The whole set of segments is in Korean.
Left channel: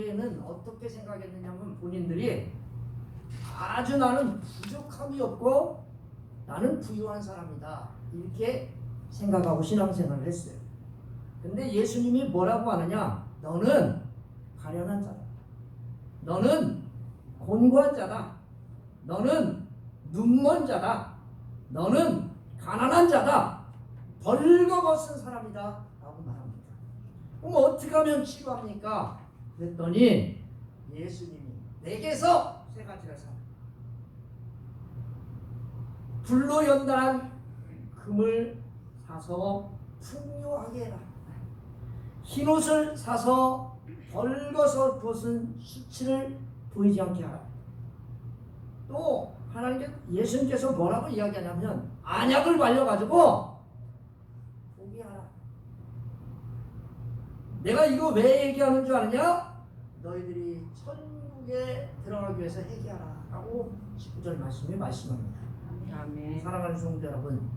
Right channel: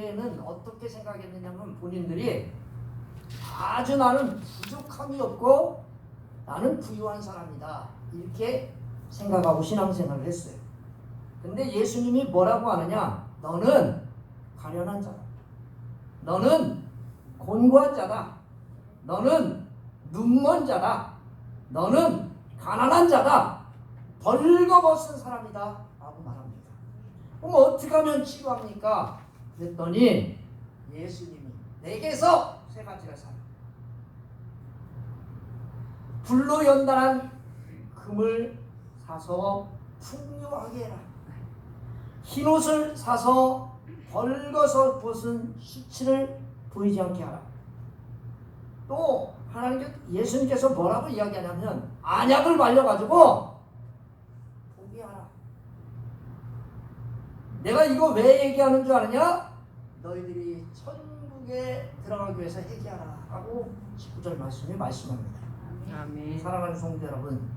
교회는 어떻게 생각했느냐면 본인들이 아주 나는 부족함이 없고 나는 부유한 사람이다 이렇게 생각하고 신앙생활을 했어요. 근데 예수님이 뭐라고 하느냐? 너는 가련한 자다. 너는 곤고한 자다. 너는 눈먼 자다. 너는 가난한 자다. 벌거벗은 사람이다 라고 말합니다. 그럼 어떻게 하면 치유합니까? 그랬더니 예수님이 내게서 세 가지를 사라. 불로 연단한 금을 사서 풍요하게 해라. 흰옷을 사서 벌거서 벗은 수치를 보이지 않게 하라. 또 예수님께서 뭐라고 이야기하냐면 안약을 발려가지고 보게 하라. 내가 이거 왜 얘기하는 줄 아느냐? 너희들이 천국에 들어가기 위해서 회개하라 하고 19절 말씀에 말씀합니다. 아멘. 사랑하는 성도 여러분,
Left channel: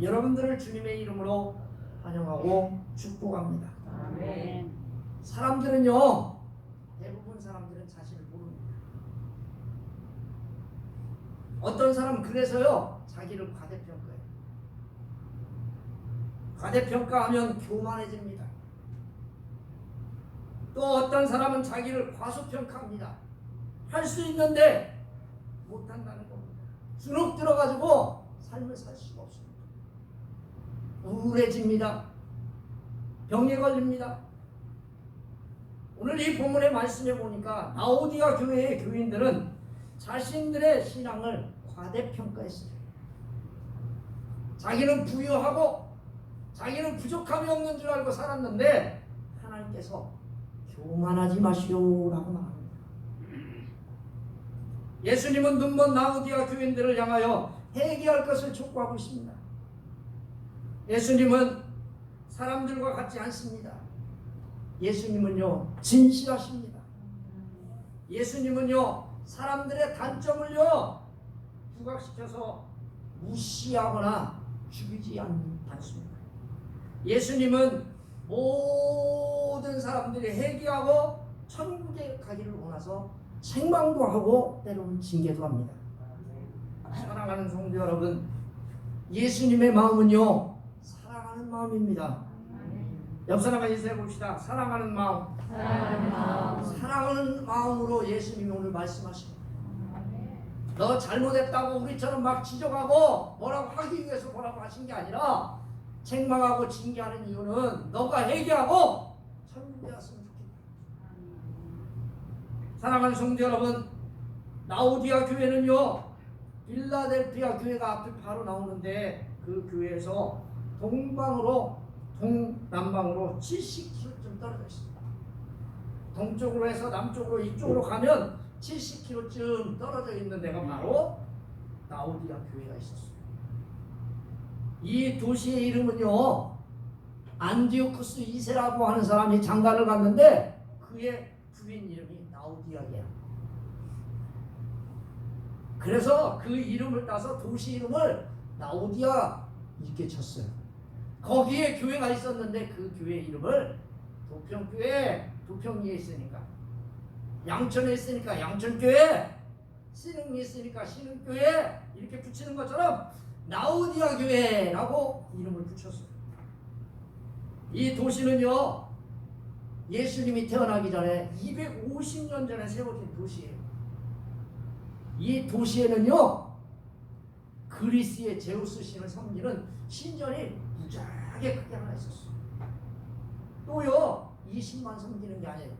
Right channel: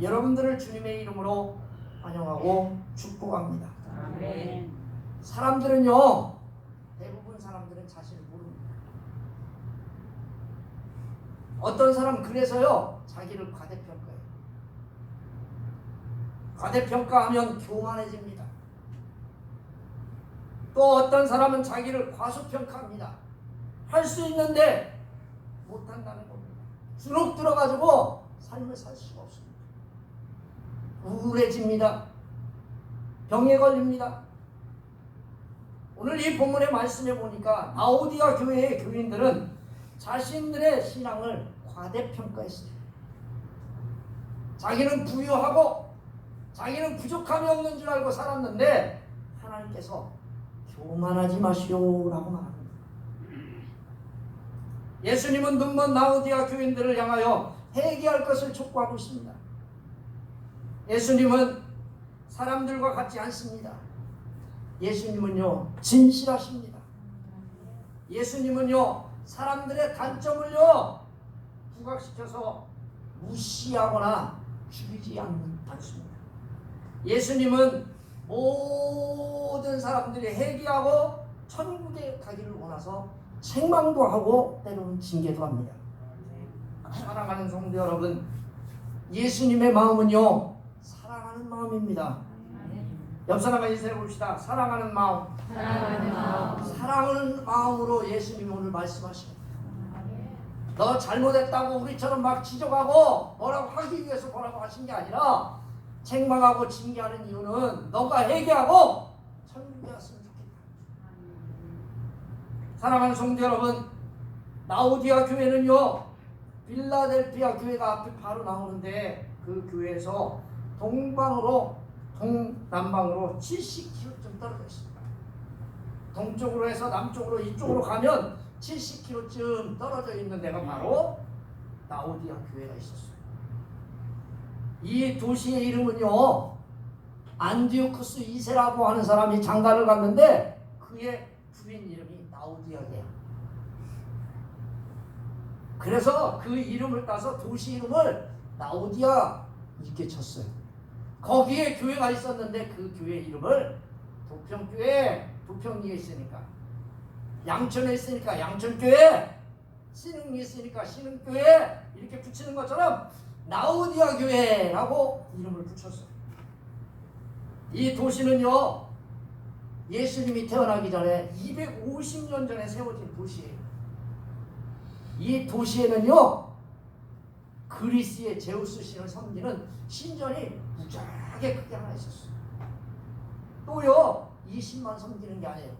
여러분들을 주님의 이름으로 환영하고 축복합니다. 아멘. 사람들은요, 대부분 사람들은 자신을 모릅니다. 어떤 사람은 그래서요 자기를 과대평가해요. 과대평가하면 교만해집니다. 또 어떤 사람은 자기를 과소평가합니다. 할 수 있는데 못한다는 겁니다. 주눅 들어가지고 삶을 살 수가 없습니다. 우울해집니다. 병에 걸립니다. 오늘 이 본문의 말씀에 보니까 라오디가 교회의 교인들은 자신들의 신앙을 과대평가했어요. 자기는 부유하고 자기는 부족함이 없는 줄 알고 살았는데 하나님께서 교만하지 마시오라고 말합니다. 예수님은 눈먼 라오디가 교인들을 향하여 회개할 것을 촉구하고 있습니다. 예수님은 사람들과 같지 않습니다. 예수님은요 진실하십니다. 예수님은요 사람들의 단점을요 부각시켜서 무시하거나 죽이지 않습니다. 예수님은 모든 사람들이 회개하고 천국에 가기를 원해서 책망도 하고 때로는 징계도 합니다. 사랑하는 성도 여러분, 예수님의 마음은요 사랑하는 마음입니다. 옆 사람과 인사해 봅시다. 사랑하는 마음. 사랑하는 마음으로 예수님이 오늘 말씀하십니다. 너 잘못했다고 우리처럼 막 지적하고 뭐라고 하기 위해서 뭐라고 하신 게 아니라 책망하고 징계하는 이유는 너가 회개하고 천국에 왔으면 좋겠다. 사랑하는 성도 여러분, 라오디아 교회는요 필라델피아 교회가 앞에 바로 나오는데 그 교회에서 동남방으로 70km쯤 떨어져 있습니다. 동쪽으로 해서 남쪽으로 이쪽으로 가면 70km쯤 떨어져 있는 데가 바로 라오디아 교회가 있었어요. 이 도시의 이름은요 안디오쿠스 2세라고 하는 사람이 장가를 갔는데 그의 부인 이름이 라오디아예요. 그래서 그 이름을 따서 도시 이름을 라오디아 이렇게 쳤어요. 거기에 교회가 있었는데 그 교회 이름을 도평교회, 도평리에 있으니까, 양천에 있으니까 양천교회, 신흥리에 있으니까 신흥교회 이렇게 붙이는 것처럼 라오디아 교회라고 이름을 붙였어요. 이 도시는요 예수님이 태어나기 전에 250년 전에 세워진 도시예요. 이 도시에는요 그리스의 제우스 신을 섬기는 신전이 무지하게 크게 하나 있었어요. 또요 이 신만 섬기는 게 아니에요.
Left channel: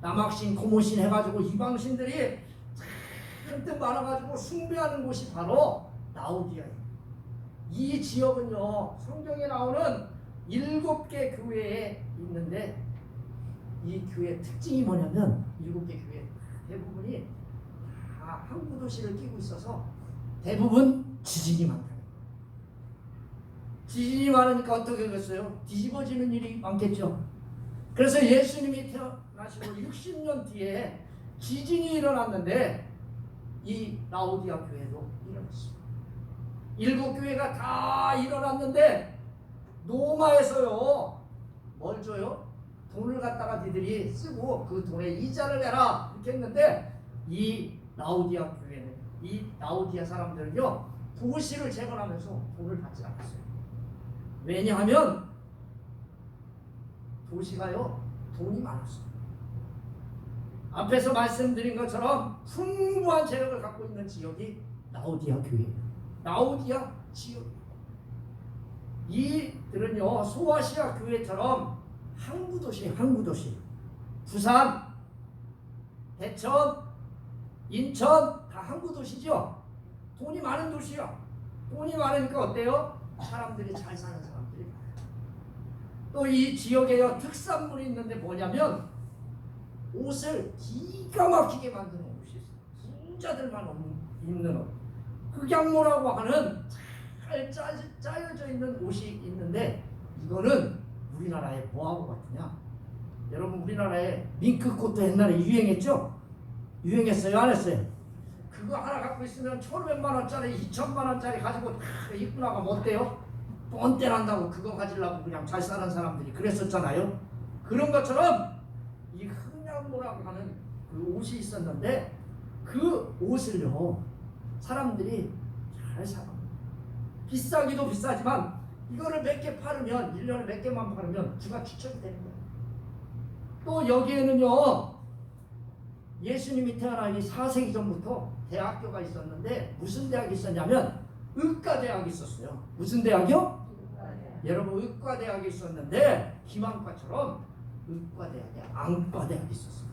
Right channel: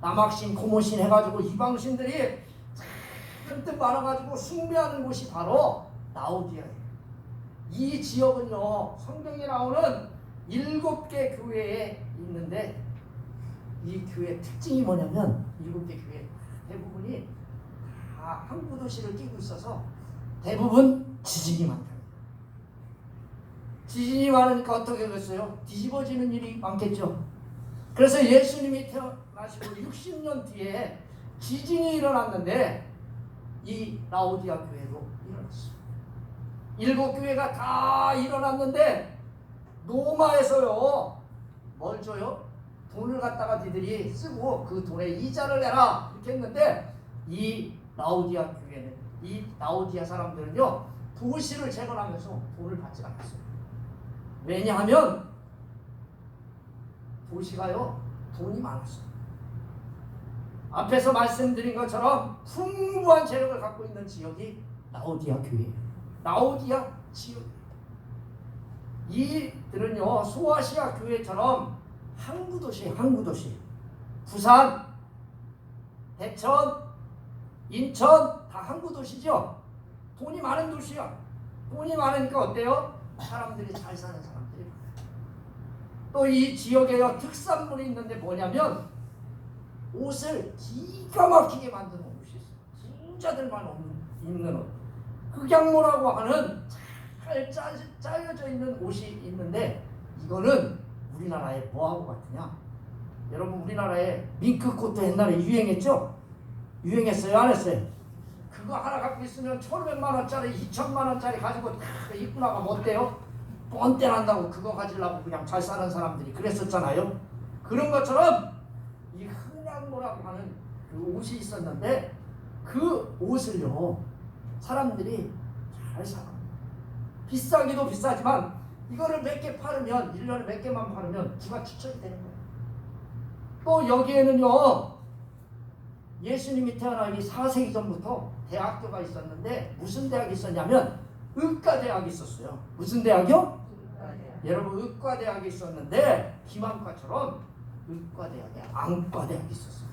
남학신, 고모신 해가지고 이방신들이 잔뜩 많아가지고 숭배하는 곳이 바로 라오디아예요. 이 지역은요 성경에 나오는 7개 교회에 있는데 이 교회 특징이 뭐냐면 7개 교회 대부분이 다 항구 도시를 끼고 있어서 대부분 지진이 많다. 지진이 많으니까 어떻게 되겠어요? 뒤집어지는 일이 많겠죠. 그래서 예수님이 태어나시고 60년 뒤에 지진이 일어났는데 이 라오디아 교회도 일어났어요. 7교회가 다 일어났는데 로마에서요 뭘 줘요? 돈을 갖다가 니들이 쓰고 그 돈에 이자를 내라 이렇게 했는데 이 라오디아 교회는 이 라오디아 사람들은요 도시를 재건하면서 돈을 받지 않았어요. 왜냐하면 도시가요 돈이 많았어요. 앞에서 말씀드린 것처럼 풍부한 재력을 갖고 있는 지역이 라오디아 교회예요. 라오디아 지역. 이들은요 소아시아 교회처럼 항구도시, 부산, 대천, 인천 다 항구도시죠. 돈이 많은 도시야. 돈이 많으니까 어때요? 사람들이 잘 사는 사람들이 많아요. 또 이 지역에요 특산물이 있는데 뭐냐면 옷을 기가 막히게 만드는 옷이 있어요. 진짜들만 입는 옷. 흑양모라고 하는 잘 짜여져 있는 옷이 있는데 이거는 우리나라에 뭐하고 같으냐? 여러분 우리나라에 밍크코트 옛날에 유행했죠? 유행했어요? 안 했어요? 그거 하나 갖고 있으면 1,500만 원짜리 2,000만 원짜리 가지고 다 입고 나가면 어때요? 뻔때 난다고 그거 가지려고 그냥 잘 사는 사람들이 그랬었잖아요. 그런 것처럼 이 흑양모라고 하는 그 옷이 있었는데 그 옷을요 사람들이 잘 사. 비싸기도 비싸지만 이거를 몇 개 팔으면 1년에 몇 개만 팔으면 주가 추천이 되는 거예요. 또 여기에는요 예수님이 태어나기 4세기 전부터 대학교가 있었는데 무슨 대학이 있었냐면 의과대학이 있었어요. 무슨 대학이요? 여러분 의과대학이 있었는데 기만과처럼 의과대학에 안과대학이 있었어요.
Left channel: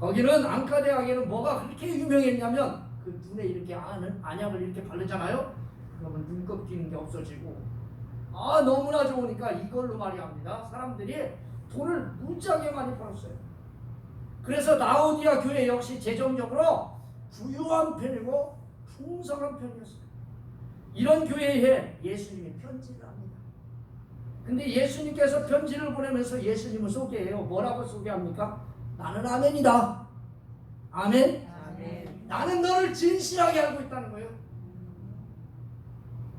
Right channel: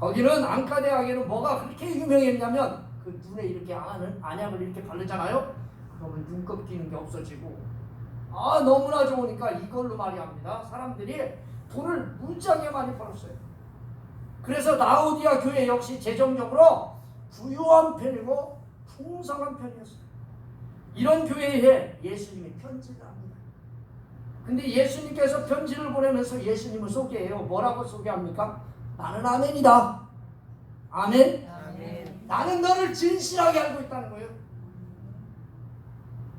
거기는 안과대학에는 뭐가 그렇게 유명했냐면 그 눈에 이렇게 안약을 이렇게 바르잖아요. 그러면 눈곱 끼는 게 없어지고 너무나 좋으니까 이걸로 말이합니다. 사람들이 돈을 무지하게 많이 벌었어요. 그래서 라오디아 교회 역시 재정적으로 부유한 편이고 풍성한 편이었어요. 이런 교회에 예수님이 편지를 합니다. 근데 예수님께서 편지를 보내면서 예수님을 소개해요. 뭐라고 소개합니까? 나는 아멘이다. 아멘? 아멘. 나는 너를 진실하게 알고 있다는 거예요.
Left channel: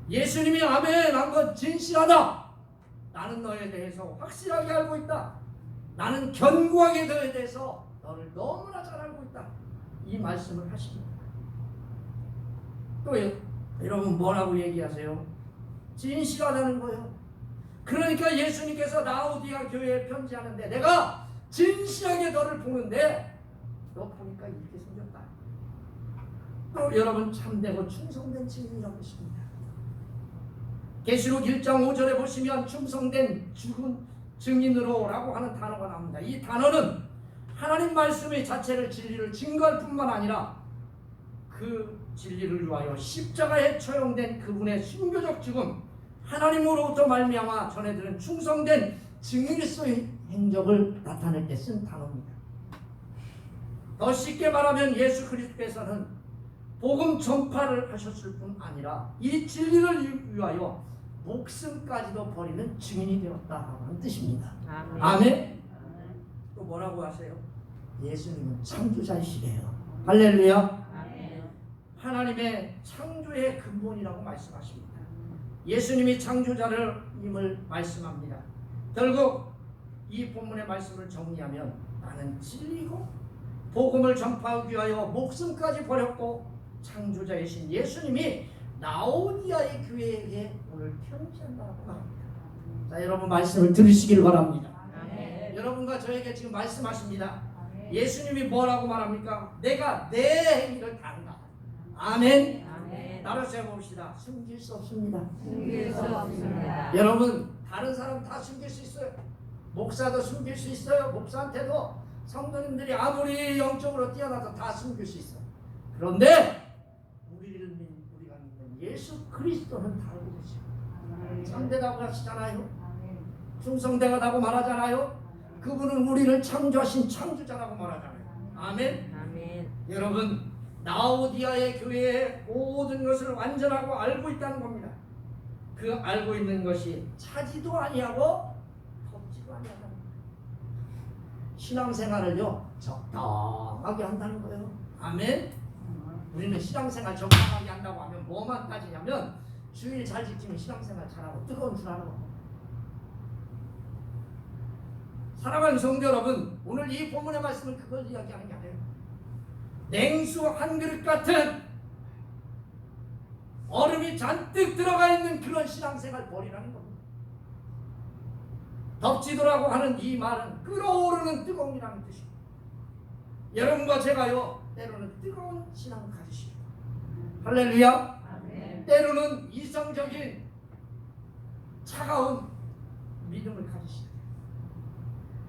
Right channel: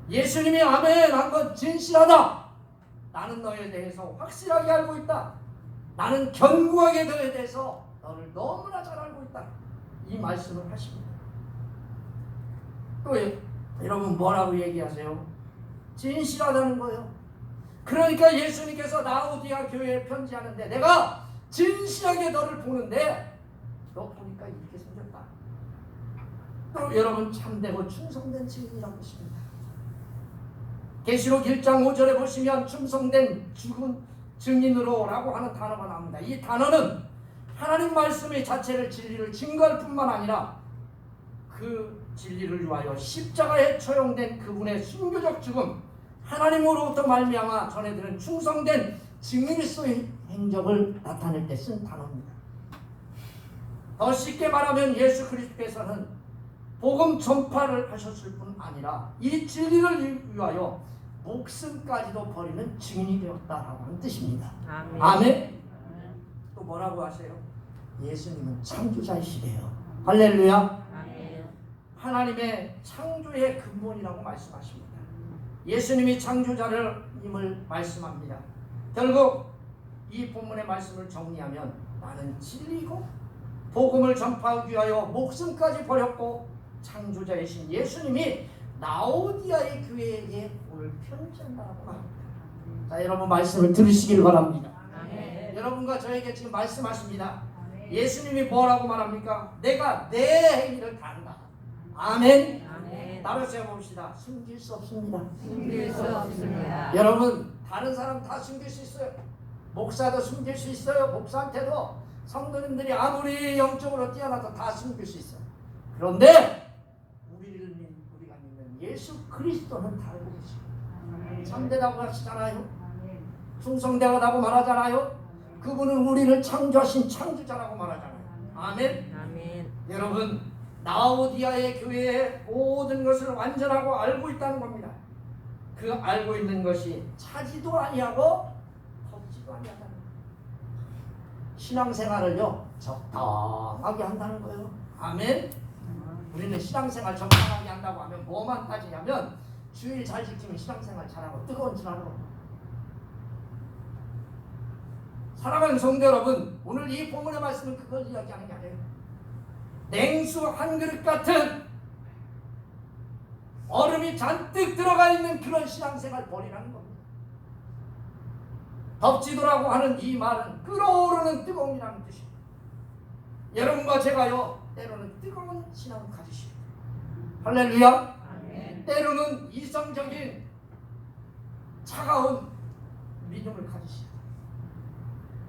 예수님이 아멘 한 건 진실하다. 나는 너에 대해서 확실하게 알고 있다. 나는 견고하게 너에 대해서 너를 너무나 잘 알고 있다. 이 말씀을 하십니다. 또 여러분 뭐라고 얘기하세요? 진실하다는 거예요. 그러니까 예수님께서 라오디아 교회에 편지하는데 내가 진실하게 너를 보는데 너 보니까 이렇게 생겼다. 또 여러분 참되고 충성된 증인이라고 있습니다. 계시록 1장 5절에 보시면 충성된 죽은 증인으로 라고 하는 단어가 나옵니다. 이 단어는 하나님 말씀의 자체를 진리를 증거할 뿐만 아니라 그 진리를 위하여 십자가에 처형된 그분의 순교적 죽음, 하나님으로부터 말미암아 전해들은 충성된 증인으로서의 행적을 나타낼 때 쓴 단어입니다. 더 쉽게 말하면 예수 그리스도께서는 복음 전파를 하셨을 뿐 아니라 이 진리를 위하여 목숨까지도 버리는 증인이 되었다라고 하는 뜻입니다. 아멘. 아멘. 또 뭐라고 하세요? 예수님은 창조자이시래요. 할렐루야. 아멘. 하나님의 창조의 근본이라고 말씀하십니다. 예수님이 창조자님을 말씀합니다. 결국 이 본문의 말씀을 정리하면 나는 진리고 복음을 전파하기 위하여 목숨까지 버렸고 창조자이신 예수님이 라오디아의 교회에 오늘 편지한다고 말합니다. 자, 여러분 말씀을 들으시길 바랍니다. 아멘. 여러분과 저에게 지금 말씀하십니다. 아멘. 예수님이 뭐라고 말합니까? 내가 내 행위를 다 한다. 아멘. 아멘. 따라서 해봅시다. 숨길 수 없습니다. 숨길 수 없습니다. 여러분 다른 사람 다 숨길 수 있어요. 목사도 숨길 수 있어요. 목사한테도 성도님들이 아무리 영적으로 뛰어나도 다 숨길 수 있어요. 그런데 우리가 믿는 예수 그리스도는 다르고 계시고 참되다고 하시잖아요. 충성되다고 말하잖아요. 그분은 우리를 창조하신 창조자라고 말하잖아요. 아멘. 아멘. 여러분 라오디아의 교회의 모든 것을 완전하고 알고 있다는 겁니다. 그 알고 있는 것이 차지도 아니하고 덥지도 아니하다는 거예요. 신앙생활을요 적당하게 한다는 거예요. 아멘. 우리는 신앙생활 적당하게 한다고 하면 뭐만 따지냐면 주일 잘 지키면 신앙생활 잘하고 뜨거운 줄 알아. 사랑하는 성도 여러분, 오늘 이 본문의 말씀은 그걸 이야기하는 게 아니에요. 냉수 한 그릇 같은 얼음이 잔뜩 들어가 있는 그런 신앙생활 버리라는 겁니다. 덥지도라고 하는 이 말은 끓어오르는 뜨거움이라는 뜻입니다. 여러분과 제가요, 때로는 뜨거운 신앙을 가지시오. 할렐루야. 아멘. 때로는 이성적인 차가운 믿음을 가지시오.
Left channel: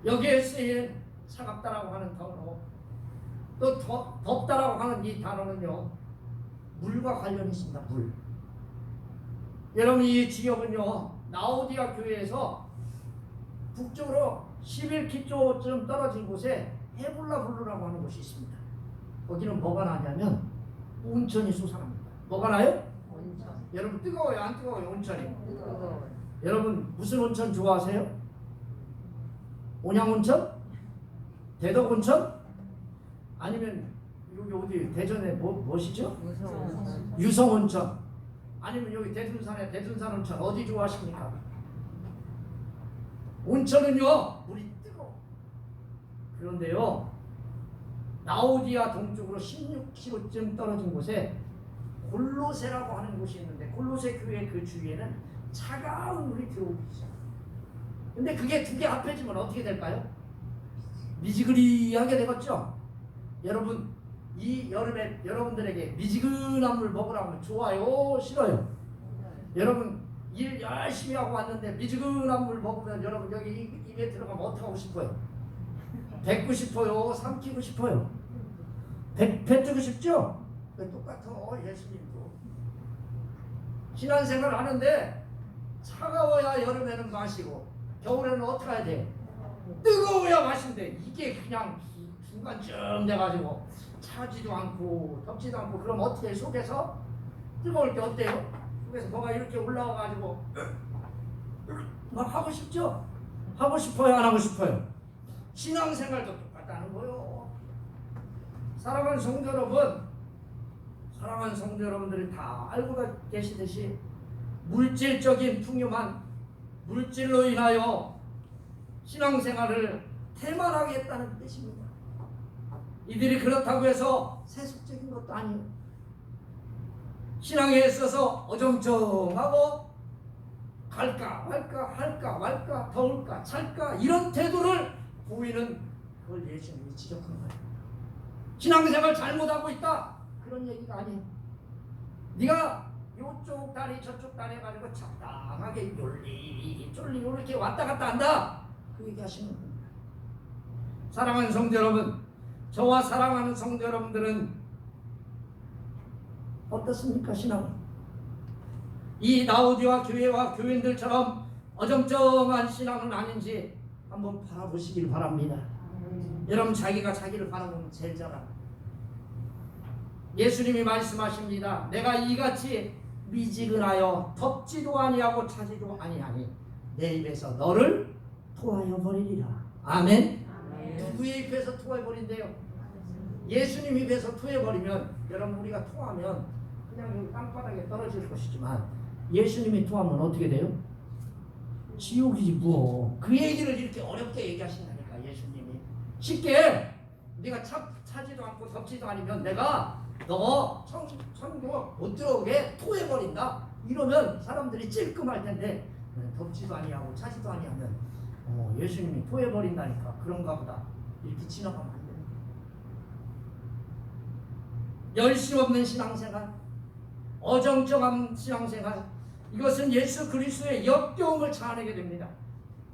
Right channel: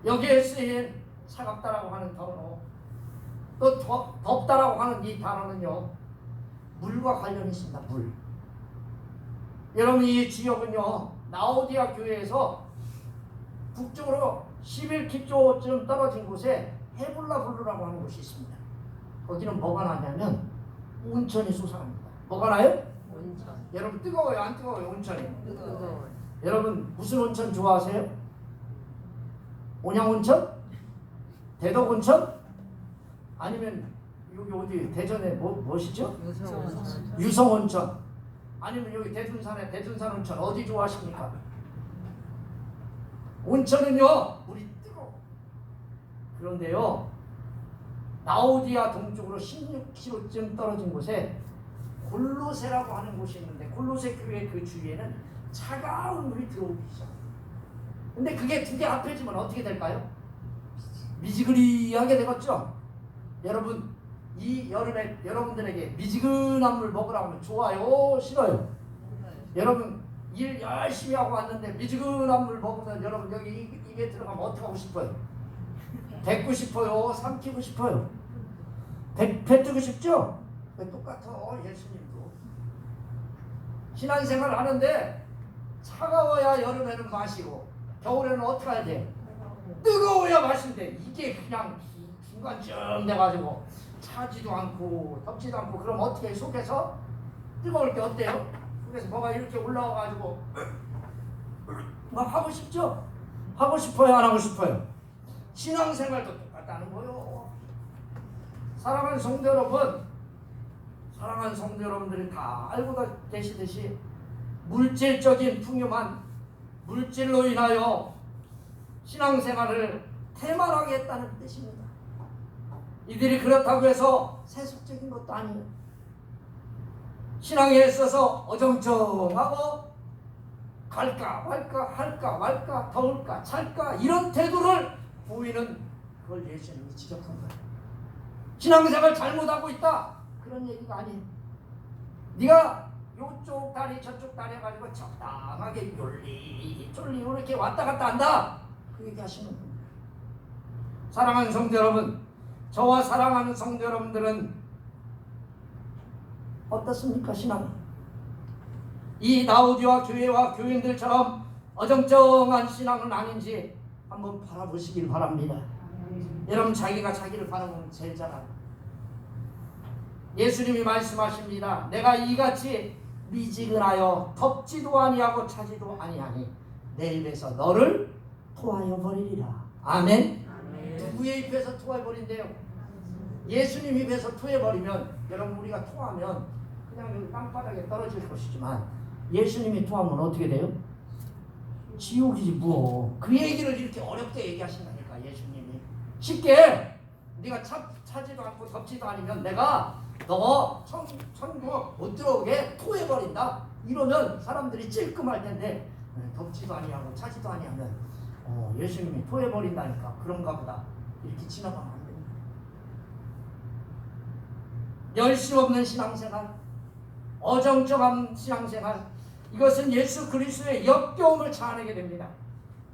여기에 쓰인 차갑다라고 하는 단어, 또 덥다라고 하는 이 단어는요, 물과 관련이 있습니다. 물. 여러분, 이 지역은요, 라오디아 교회에서 북쪽으로 11km쯤 떨어진 곳에 헤블라블루라고 하는 곳이 있습니다. 거기는 뭐가 나냐면 온천이 솟아납니다. 뭐가 나요? 온천. 여러분, 뜨거워요? 안 뜨거워요? 온천이? 뜨거워요. 여러분, 무슨 온천 좋아하세요? 온양온천? 대덕온천? 아니면 여기 어디 대전에 무엇이죠? 유성온천. 아니면 여기 대둔산에 대둔산온천 어디 좋아하십니까? 온천은요, 물이 뜨거워. 그런데요, 라오디아 동쪽으로 16km쯤 떨어진 곳에 골로새라고 하는 곳이 있는데, 골로새 교회 그 주위에는 차가운 물이 들어오기 시작. 근데 그게 두 개 합해지면 어떻게 될까요? 미지근하게 되겠죠? 여러분, 이 여름에 여러분들에게 미지근한 물 먹으라고 하면 좋아요? 싫어요? 여러분, 일 열심히 하고 왔는데 미지근한 물 먹으면 여러분 여기 입에 들어가면 어떻게 하고 싶어요? 뱉고 싶어요? 삼키고 싶어요? 뱉고 싶죠? 똑같아. 예수님도 신앙생활 하는데 차가워야 여름에는 마시고 겨울에는 어떻게 해야 돼? 뜨거워야 마신대. 이게 그냥 중간쯤 돼가지고 차지도 않고 덥지도 않고, 그럼 어떻게 속에서 뜨거울 때 어때요? 속에서 뭐가 이렇게 올라와가지고 막 하고 싶죠? 하고 싶어요? 안 하고 싶어요? 신앙생활도 똑같다는 거요. 사랑하는 성도 여러분, 사랑하는 성도 여러분들이 다 알고 계시듯이 물질적인 풍요만, 물질로 인하여 신앙생활을 태만하게 했다는 뜻입니다. 이들이 그렇다고 해서 세속적인 것도 아니에요. 신앙에 있어서 어정쩡하고 갈까 말까 할까 말까 더울까 찰까 이런 태도를 보이는, 그걸 예수님이 지적한 거예요. 신앙생활 잘못하고 있다, 그런 얘기가 아니에요. 네가 요쪽 다리 저쪽 다리 해가지고 적당하게 쫄리 이렇게 왔다 갔다 한다, 그 얘기 하시는 겁니다. 사랑하는 성도 여러분, 저와 사랑하는 성도 여러분들은 어떻습니까? 신앙은 이 라오디아 교회와 교인들처럼 어정쩡한 신앙은 아닌지 한번 바라보시길 바랍니다. 여러분, 자기가 자기를 바라보면 제일 잘알아. 예수님이 말씀하십니다. 내가 이같이 미지근하여 덥지도 아니하고 차지도 아니하니 내 입에서 너를 토하여 버리리라. 아멘. 누구의 입에서 토해 버린대요? 예수님 입에서 토해 버리면, 여러분, 우리가 토하면 그냥 여기 땅바닥에 떨어질 것이지만 예수님이 토하면 어떻게 돼요? 지옥이지 뭐. 그 얘기를 이렇게 어렵게 얘기하신다니까. 예수님이 쉽게 네가 차지도 않고 덥지도 않으면 내가 너 천국 못 들어오게 토해 버린다, 이러면 사람들이 찔끔할 텐데, 덥지도 아니하고 차지도 아니하면 예수님이 토해 버린다니까, 그런가 보다 이렇게 지나가면 안 됩니다. 열심 없는 신앙생활, 어정쩡한 신앙생활, 이것은 예수 그리스도의 역겨움을 자아내게 됩니다.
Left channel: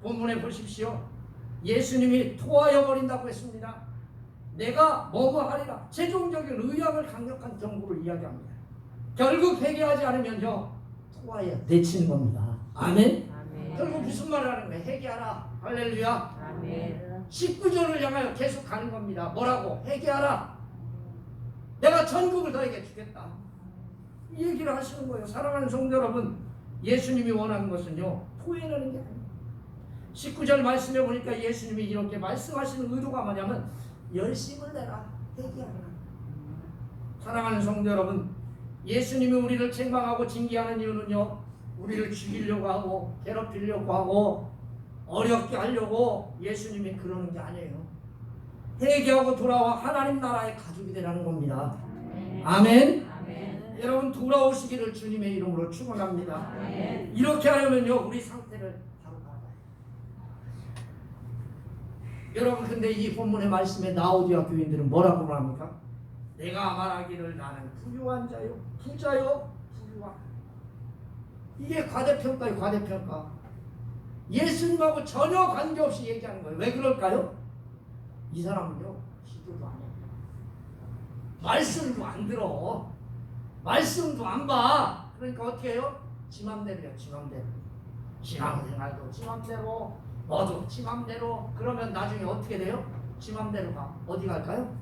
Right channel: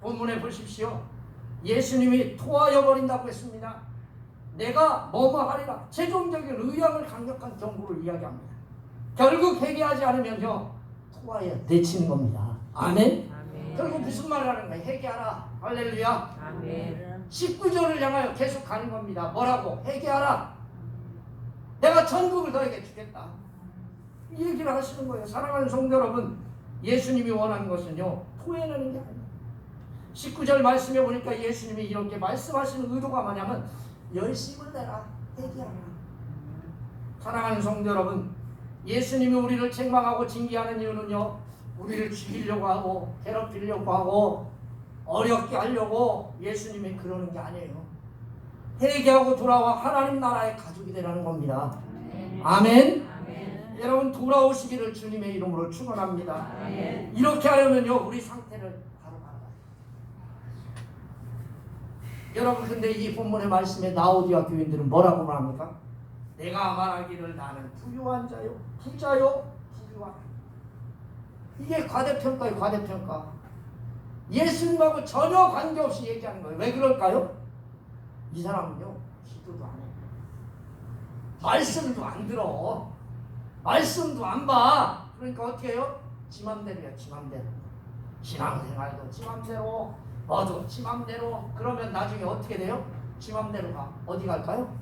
본문에 보십시오. 예수님이 토하여 버린다고 했습니다. 내가 뭐뭐 하리라, 최종적인 의향을 강력한 경고를 이야기합니다. 결국 회개하지 않으면요, 토하여 내치는 겁니다. 아멘. 아멘. 결국 무슨 말을 하는 거예요? 회개하라. 할렐루야. 아멘. 19절을 향하여 계속 가는 겁니다. 뭐라고? 회개하라. 내가 천국을 너에게 주겠다, 이 얘기를 하시는 거예요. 사랑하는 성도 여러분, 예수님이 원하는 것은요, 토해내는 게 아니에요. 19절 말씀해 보니까 예수님이 이렇게 말씀하시는 의도가 뭐냐면 열심을 내라, 회개하라. 사랑하는 성도 여러분, 예수님이 우리를 책망하고 징계하는 이유는요, 우리를 죽이려고 하고 괴롭히려고 하고 어렵게 하려고 예수님이 그러는 게 아니에요. 회개하고 돌아와 하나님 나라의 가족이 되라는 겁니다. 아멘. 여러분 돌아오시기를 주님의 이름으로 축원합니다. 이렇게 하려면요 우리 상태를 바로 알아봐요. 여러분 근데 이 본문의 말씀에 라오디아 교인들은 뭐라고 말합니까? 내가 말하기를 나는 부유한 자요 부자요 부유한. 이게 과대평가예요. 과대평가. 예수님하고 전혀 관계없이 얘기하는 거예요. 왜 그럴까요? 이 사람은요 기도도 안 해요. 말씀도 안 들어. 말씀도 안 봐. 그러니까 어떻게 해요? 지 맘대로야. 지 맘대로. 신앙생활도 지 맘대로, 뭐도 지 맘대로. 그러면 나중에 어떻게 돼요? 지 맘대로 가. 어디 갈까요?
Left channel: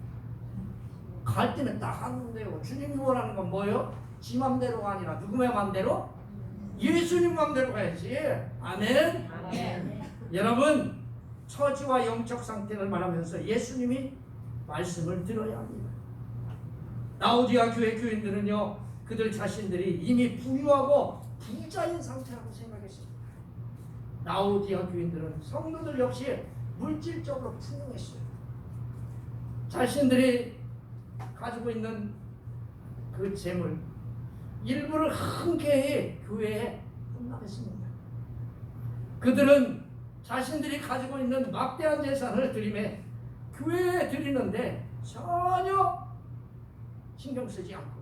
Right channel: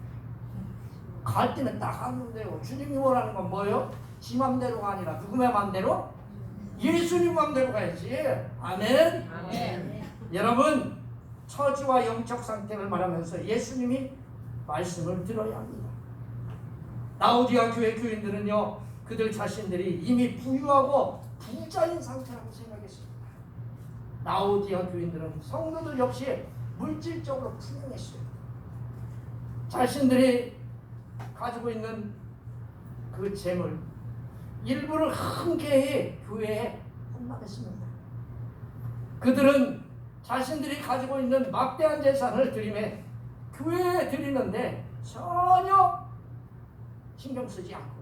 갈 때는 딱 하는데요. 주님이 원하는 건 뭐예요? 지 맘대로가 아니라 누구의 맘대로? 예수님 맘대로 가야지. 아멘. 여러분 처지와 영적 상태를 말하면서 예수님이 말씀을 들어야 합니다. 라오디아 교회 교인들은요 그들 자신들이 이미 부유하고 부자인 상태라고 생각했습니다. 라오디아 교인들은 성도들 역시 물질적으로 풍요했어요. 자신들이 가지고 있는 그 재물 일부를 흔쾌히 교회에 헌납했습니다. 그들은 자신들이 가지고 있는 막대한 재산을 드림에 교회에 드리는데 전혀 신경 쓰지 않고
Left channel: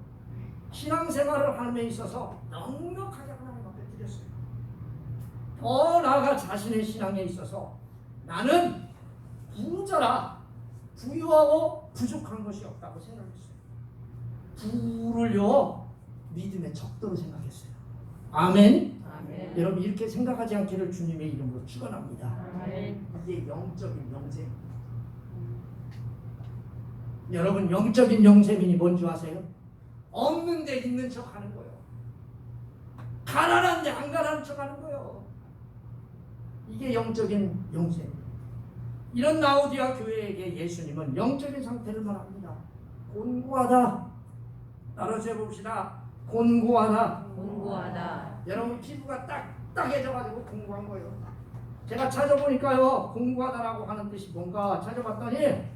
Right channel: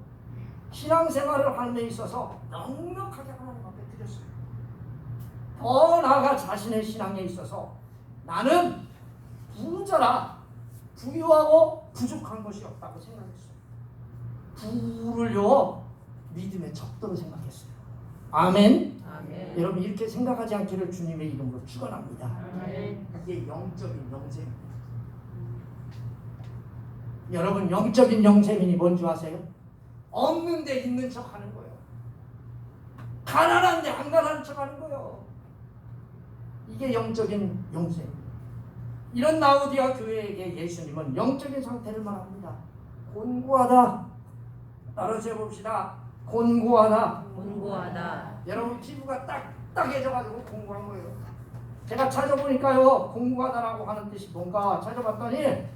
신앙생활을 하는 데 있어서 넉넉하게 하나님 앞에 드렸어요. 더 나아가 자신의 신앙에 있어서 나는 부자라 부유하고 부족한 것이 없다고 생각했어요. 부를요 믿음의 척도로 생각했어요. 아멘. 아멘. 여러분 이렇게 생각하지 않기를 주님의 이름으로 축원합니다. 아멘. 이게 영적인 영생입니다. 여러분 영적인 영생이 뭔지 아세요? 없는데 있는 척 하는 거예요. 가난한데 안 가난한 척 하는 거예요. 이게 영적인 영생입니다. 이런 라오디아 교회에게 예수님은 영적인 상태를 말합니다. 곤고하다. 따라서 해봅시다. 곤고하다. 공고하다. 여러분 피부가 딱딱해져가지고 공고한 거예요. 제가 찾아보니까요 공고하다라고 하는 뜻이 뭔가 찾아봤더니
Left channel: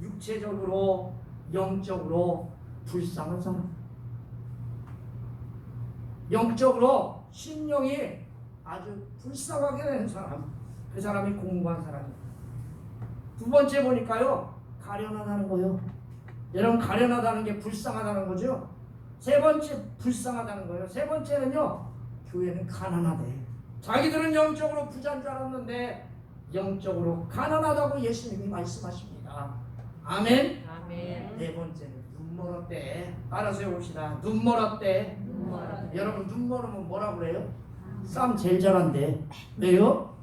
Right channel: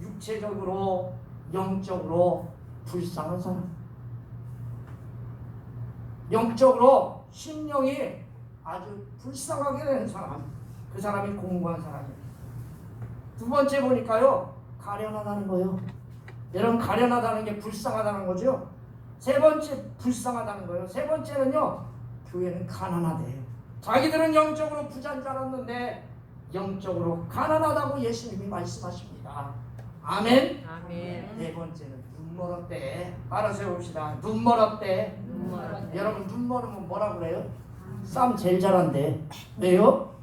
육체적으로 영적으로 불쌍한 사람, 영적으로 심령이 아주 불쌍하게 되는 사람, 그 사람이 공고한 사람이에요. 두 번째 보니까요 가련하다는 거예요. 여러분 가련하다는 게 불쌍하다는 거죠. 세 번째 불쌍하다는 거예요. 세 번째는요 교회는 가난하대. 자기들은 영적으로 부자인 줄 알았는데 영적으로 가난하다고 예수님이 말씀하십니다. 아멘. 아멘. 네 번째는 눈 멀었대. 알아서 해봅시다. 눈 멀었대. 여러분 눈 멀으면 뭐라고 그래요? 싸움 제일 잘한대. 왜요?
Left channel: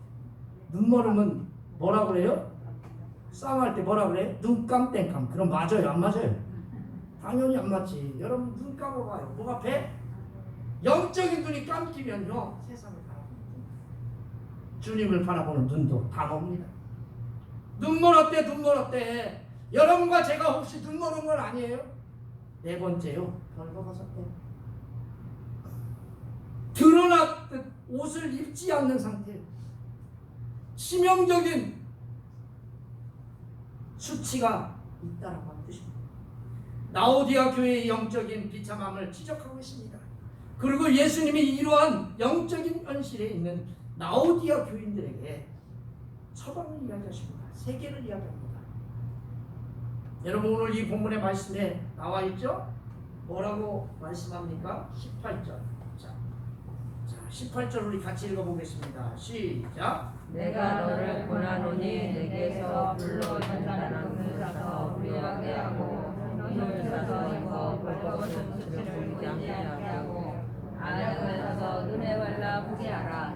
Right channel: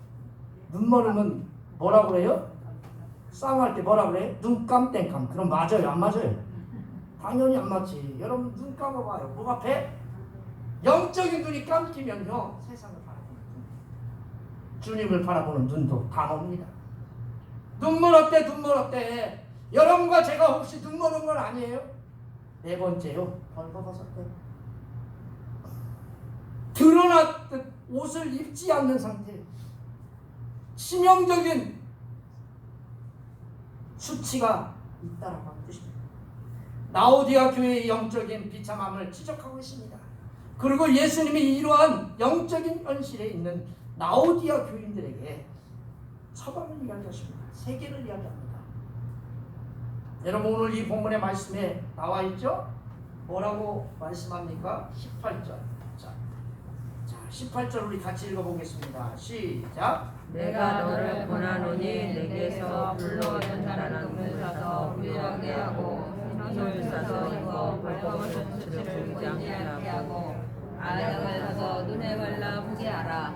눈 멀으면 뭐라고 그래요? 싸움할 때 뭐라고 그래? 눈 깜땡깜. 그럼 맞아요? 안 맞아요? 당연히 안 맞지. 여러분 눈 감아봐요. 뭐 앞에? 영적인 눈이 감기면요 세상을 바라보는 눈, 주님을 바라보는 눈도 감옵니다. 눈 멀었대. 눈 멀었대. 여러분과 제가 혹시 눈 멀은 건 아니에요? 네 번째요 벌거벗었대. 드러났듯 옷을 입지 않는 상태예요. 치명적인 수치가 있다라고 하는 뜻입니다. 라오디아 교회의 영적인 비참함을 지적하고 있습니다. 그리고 예수님이 이러한 영적인 현실에 있는 라오디아 교인들에게 처방을 이야기하십니다. 세계를 이야기합니다. 여러분 오늘 이 본문의 말씀에 나와 있죠? 뭐라고 말씀합니까? 18절. 자, 18절 우리 같이 읽어보겠습니다. 시작. 내가 너를 권하노니 내게서 불로 연단한 금을 사서 부유하게 하고 금을 사서 입어 벌거벗은 수치를 보지 않게 하고 아역을 사서 눈에 발라 보게 하라.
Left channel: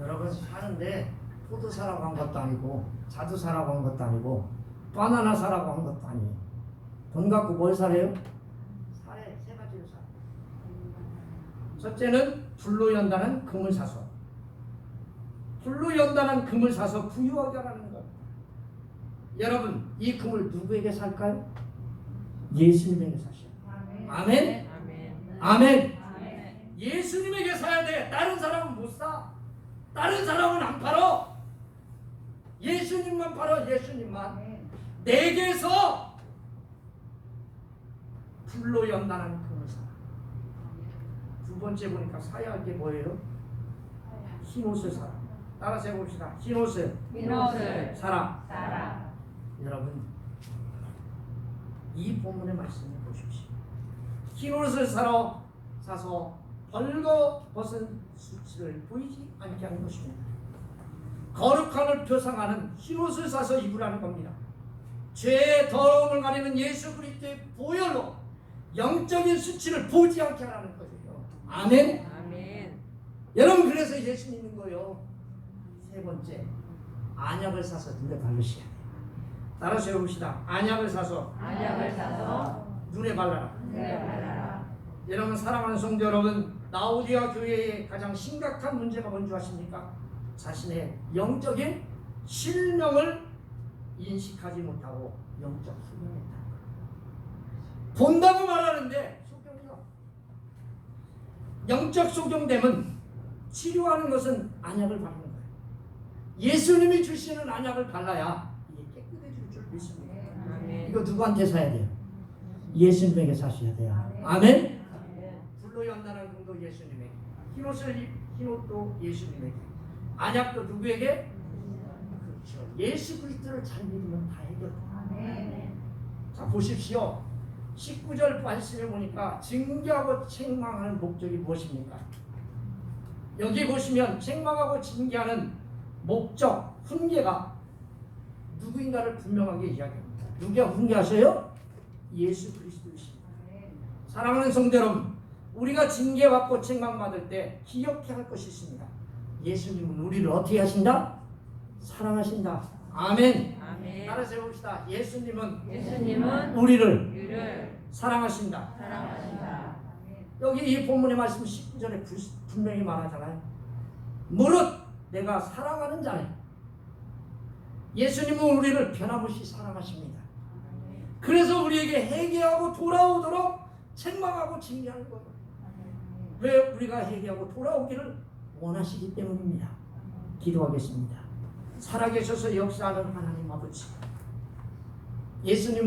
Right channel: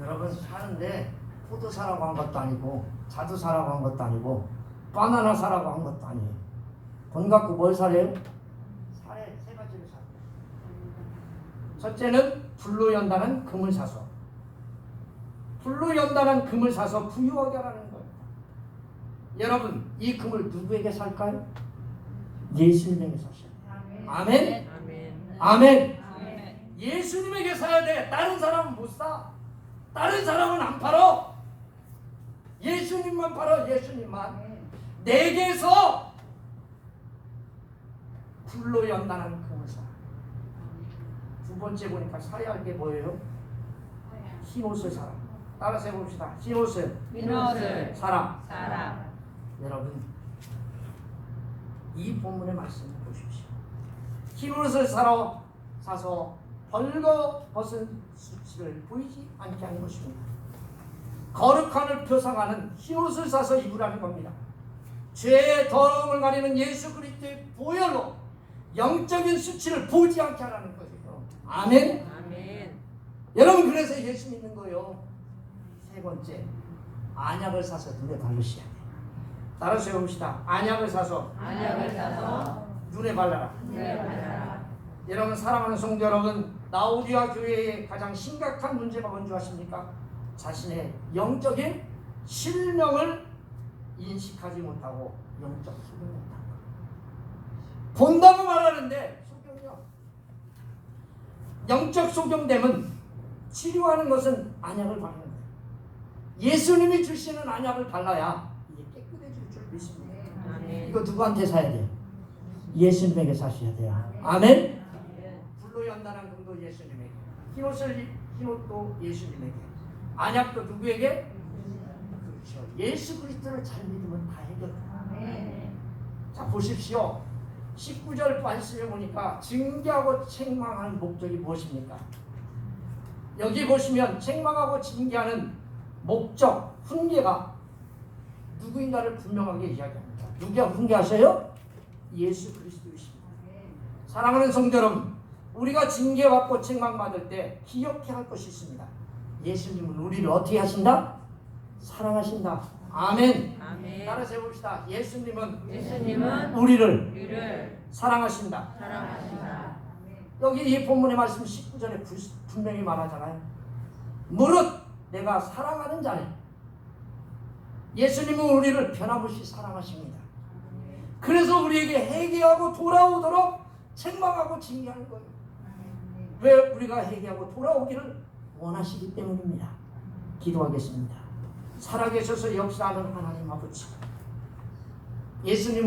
여러분 사는데 포도 사라고 한 것도 아니고 자두 사라고 한 것도 아니고 바나나 사라고 한 것도 아니에요. 돈 갖고 뭘 사래요? 사래 세 가지를 사. 첫째는 불로 연단한 금을 사서, 불로 연단한 금을 사서 부유하게 하라는 거예요. 여러분 이 금을 누구에게 살까요? 예수님에게 사셔요. 아멘. 아멘. 아멘. 예수님에게 사야 돼. 다른 사람은 못 사. 다른 사람은 안 팔어. 예수님만 팔어. 예수님만. 내게서 불로 연단한 그 사람. 두 번째 보니까 사야 할 게 뭐예요? 흰옷을 사람. 따라서 해봅시다. 흰옷을 사람. 여러분, 이 본문의 말씀을 보십시오. 흰옷을 사서 벌거벗은 수치를 보이지 않게 하는 것입니다. 거룩함을 표상하는 흰옷을 사서 입으라는 겁니다. 죄의 더러움을 가리는 예수 그리스도의 보혈로 영적인 수치를 보지 않게 하라는 거예요. 아멘. 여러분, 그래서 예수 믿는 거예요. 세 번째, 안약을 사서 눈에 바르셔야 돼요. 따라서 해봅시다. 안약을 사서 눈에 발라라. 여러분, 사랑하는 성도 여러분, 라오디아 교회의 가장 심각한 문제가 뭔지 아십니까? 자신의 영적인 실명을 인식하지 못하고 영적 소경했다. 본다고 말하는데 소경이요. 영적 소경됨은 치료하는 것은 안약을 바르는 거예요. 예수님이 주시는 안약을 발라야 이게 깨끗해질 줄 믿습니다. 이거 누구한테 사야 돼요? 예수님에게 사셔야 돼요. 아멘. 불로 연단한 금도 예수님에게, 흰옷도 예수님에게, 안약도 누구에게? 그렇죠. 예수 그리스도를 잘 믿으면 다 해결돼요. 자, 보십시오. 19절 말씀에 보니까 징계하고 책망하는 목적이 무엇입니까? 여기 보시면 책망하고 징계하는 목적, 훈계가 누구인가를 분명하게 이야기합니다. 누가 훈계하셔요? 예수 그리스도이십니다. 사랑하는 성도 여러분, 우리가 징계받고 책망받을 때 기억해야 할 것이 있습니다. 예수님은 우리를 어떻게 하신다? 사랑하신다. 아멘. 따라서 해봅시다. 예수님은 우리를 사랑하신다. 여기 이 본문의 말씀 19절에 분명히 말하잖아요. 무릇 내가 사랑하는 자네. 예수님은 우리를 변함없이 사랑하십니다. 그래서 우리에게 회개하고 돌아오도록 책망하고 징계하는 거예요. 왜? 우리가 회개하고 돌아오기를 원하시기 때문입니다. 기도하겠습니다. 살아계셔서 역사하는 하나님 아버지, 예수님